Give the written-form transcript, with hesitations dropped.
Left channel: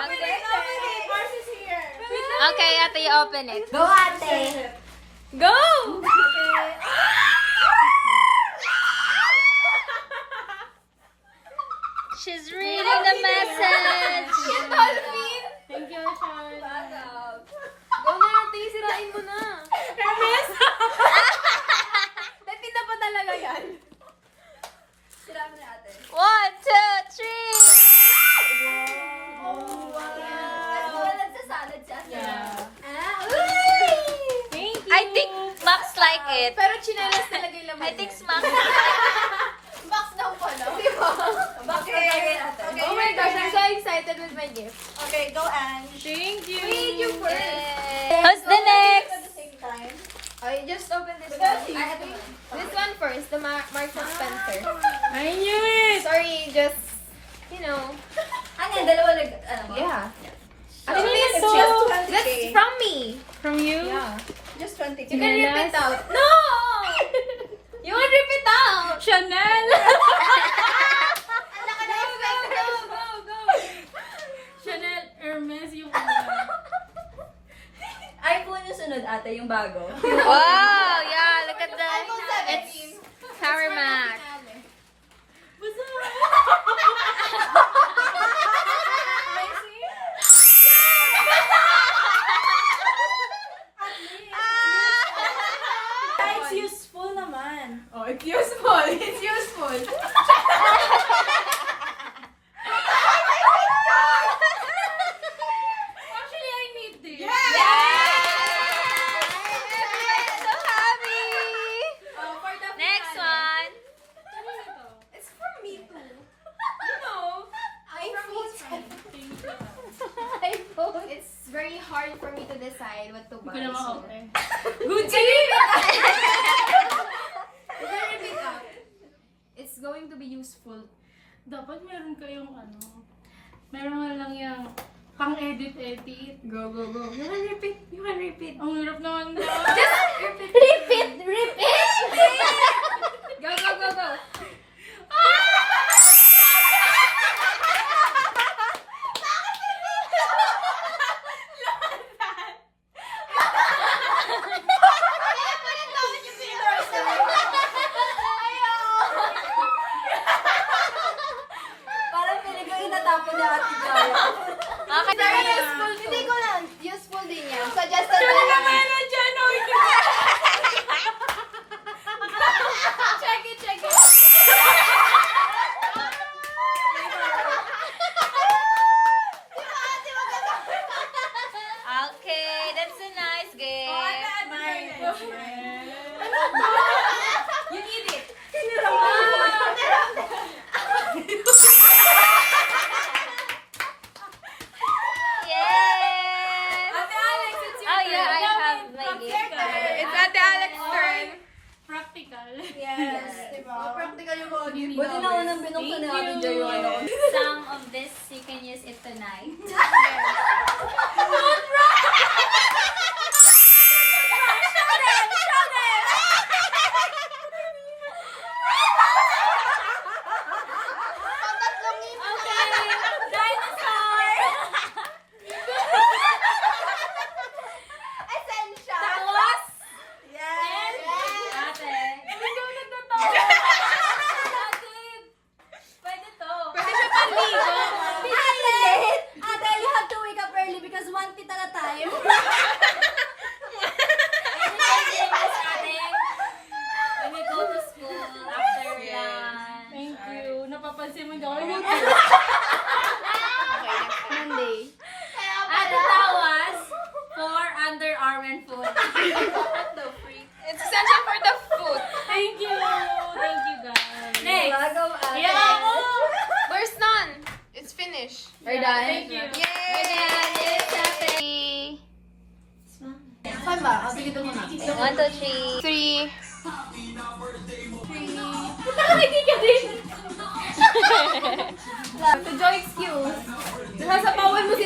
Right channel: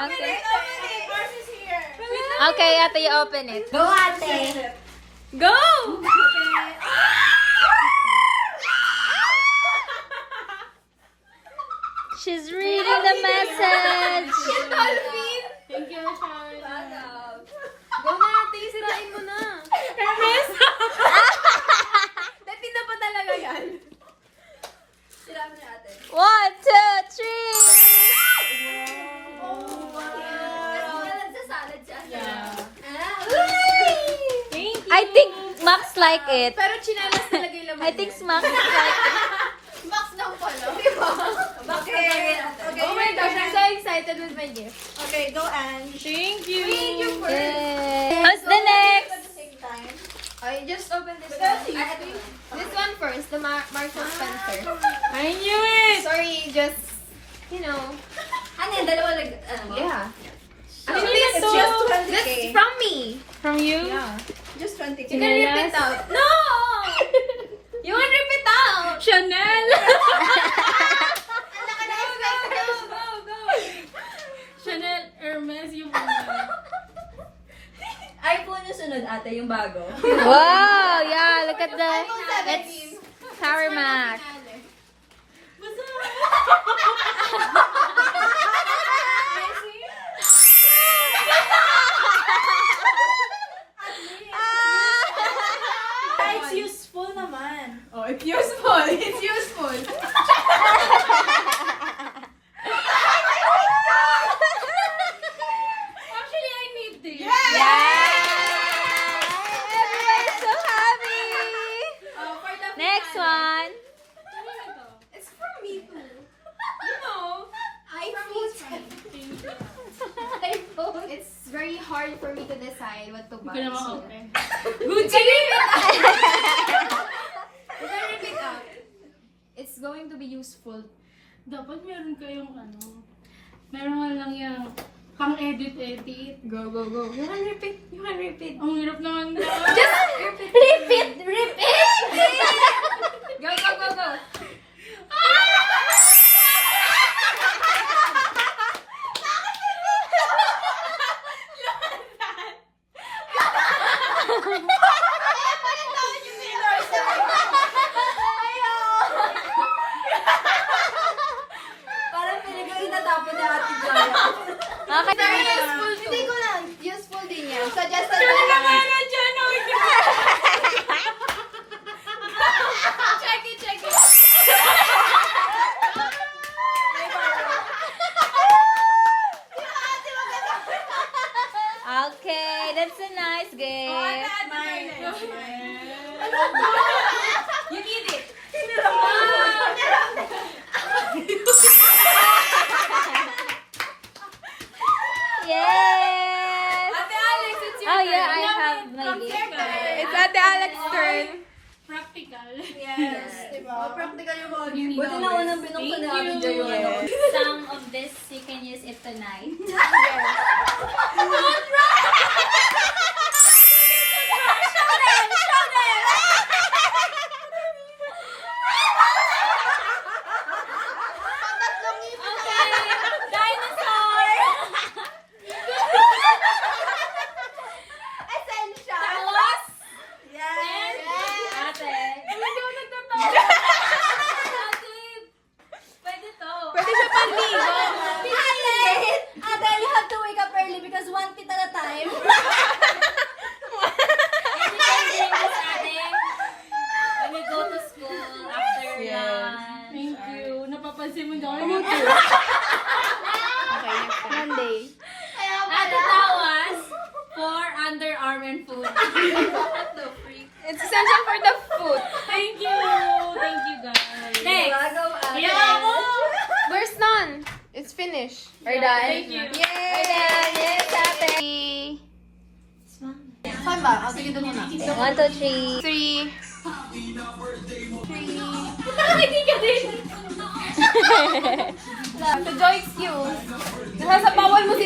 Okay. Mars is here. Okay, ate, you open it. Go, ate. Go! She's reading the message. She's Dolphin. Thank you, Sean. Go na yung tingin, sirain mo na. Hermes? Dati na pa talaga yan. Sira mo na ate. 1, 2, 3. Wala nagsasalad siya. Thank you. I think Max like it. Pero chinelas talaga yung laman I think Max like it. Box down pala. Okay. Oh my gosh, I'm so excited with my gift. Okay, go Ange. Thank you. Thank you for Yay. Who's the next? At the same time. I just open this one. This one first, the Marks and Spencer. I knew it. Sorry, just, you know. Ano yung dalawa Yeah. Actually, It's so- just 20K. That's from me. From you? Yeah. Just 20K. You can rip it out. No! You want rip it out? Chanel. Chanel, Hermes, yung iPhone yung sunod ate, yung bago. Wow, yeah, look at the 17. Power Max. It's useful naman. Oh, it's useful. It's useful. Actually, I need this. Everybody's so happy. Next one. It's from me too. You know, iPhone. It's very hard for me to decide what to buy. Hindi ko naman open. It's going to be useful. Dapat meron kayong ano. Meron lang yung pang-edit-edit. Go, go, go. You can repeat. You can repeat. Ang hirap naman na. Repeat! Go, go, go, go. Parang pwede ko yung natapon na ate Jaya. Okay. Useful. Hindi ko lang. Useful din yan. Suggested ko Ano lang. meron dyan? Oh my God. Check it, check it. Okay, that's a nice gift. You need it. Yes. Ate Alex, it's your Oh yeah, I turn. have my gift. It's Ate Alex's turn. Practical. Yes, diba? Practical yung mga gift. Buti na unang binuksan ni ate Jaya. Some of this you can use it tonight. Essential. Yes. Ate. Pwede to. Pwede siya panligo. Ate, you have to wake up early because one tit at a time. And we can bring this ate when we go to school after lunch. Thank you. Napapansin mo daw. Ate tawas for underarm and foot. It's essential for the food. Thank you. Thank you, guys. Next. Yeah. There's none. It's finished. Thank you. Yay! One, two, three. To join skills. Nasa bawal mo si...